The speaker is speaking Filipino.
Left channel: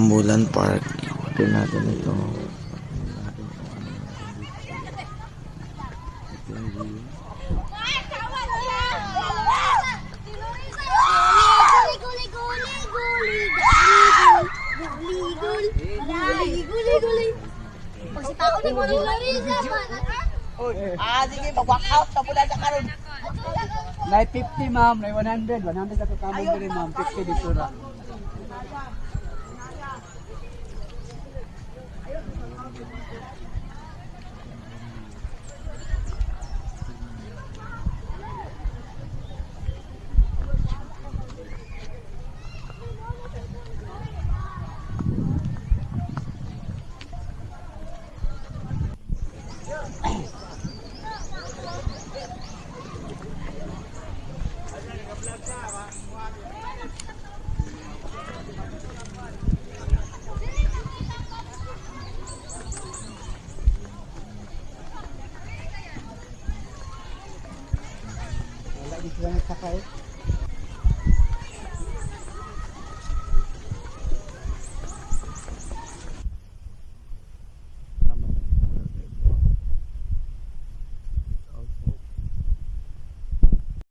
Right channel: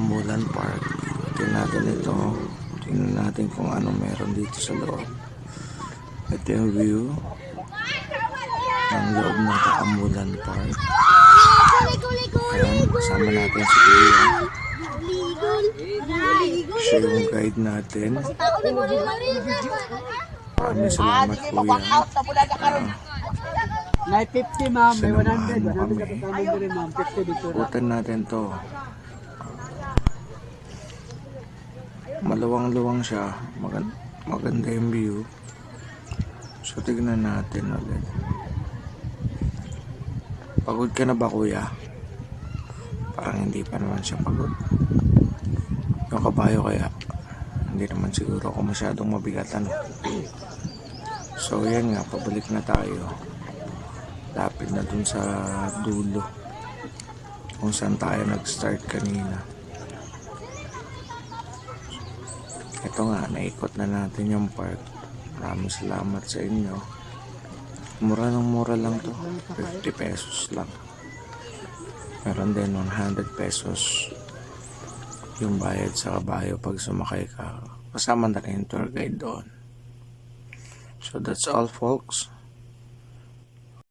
Ambulan Park. Tingnan natin ito. Tingnan natin kung ano meron dito sa loob. Ito yung view ng loob ng Ambulan Park. Ayan, kasama natin si Kuya. Siya yung guide natin. Maraming salamat Kuya. May 50 ma'am, may 100. 100 na kasama din rin ma'am, 50 dito na. Ikutan natin to. Maluwang-luwang siya. Maganda yung view. So tignan natin ulit. Pagod ka na ba Kuya? Parang hindi pa naman siya pagod. Yung kabayo kaya hindi naman siguro ako masyadong mabigatan. So yan nga, pabalik na tayo. Lapit na dun sa dulo kung saan tayo nag-start kanina. Ito nga, naikot na natin yung park. Maraming salamat sa inyo. Mura lang to, 50 pesos lang. Meron din 100 pesos yung bayad sa kabayo pag sumakay ka. Kasama na rin yung tour guide doon. So that's all folks.